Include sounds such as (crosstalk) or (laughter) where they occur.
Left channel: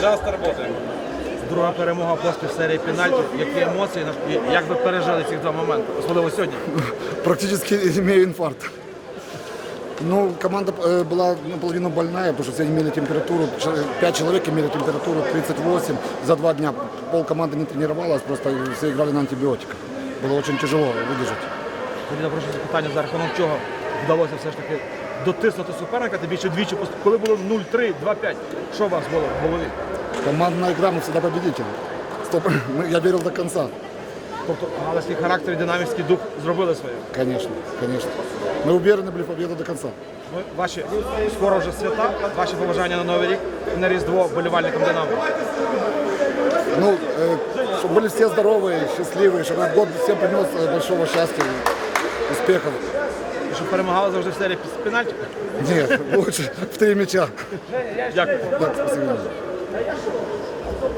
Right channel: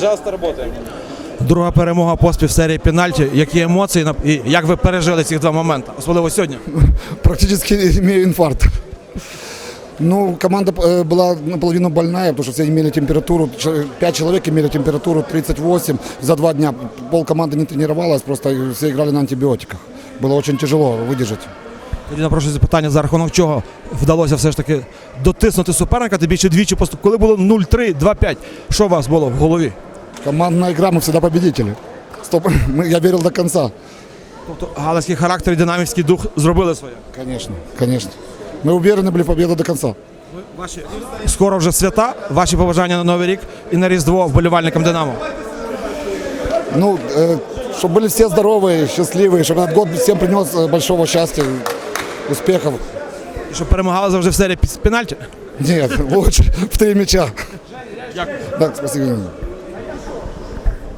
Пожалуйста, работаем. Друга перемога поспіль в серії пенальті. Які емоції на- і як ви пережили ці два моменти, особливо сьогодні? Практически имею инфаркт. Ну, команда э, была наполовину больная, потому что все имели температуру, ч- пять человек имели температуру 38 за два дня. Пол команды не тренировалась, просто все играли на антибиотиках. Было очень тяжело выдержать. Тоді напрошую запитання, за рахунок чого вдалося все ж таки дотиснути суперника, тим більше двічі поступ. Коли було 0-3, 2-5, що у вас було в голові? Командная игра, мы всегда победители. Стоп, (laughs) мы- я верил до конца. Тобто галицький характер і динамівський дух зробили своє. Конечно, конечно. Мы уверены были в победу до конца. Ваші скоро вже свята, ваші побажання на Новий рік і на Різдво вболівальникам Динамо. Ну, чтобы были все здоровые, счастливые, чтобы этот год всем принес э, большого счастья, успехов. І щоб перемагали завжди в серії з пенальті. Нет, (laughs) лучше в три мяча. Да, спасибо. Yeah, sure.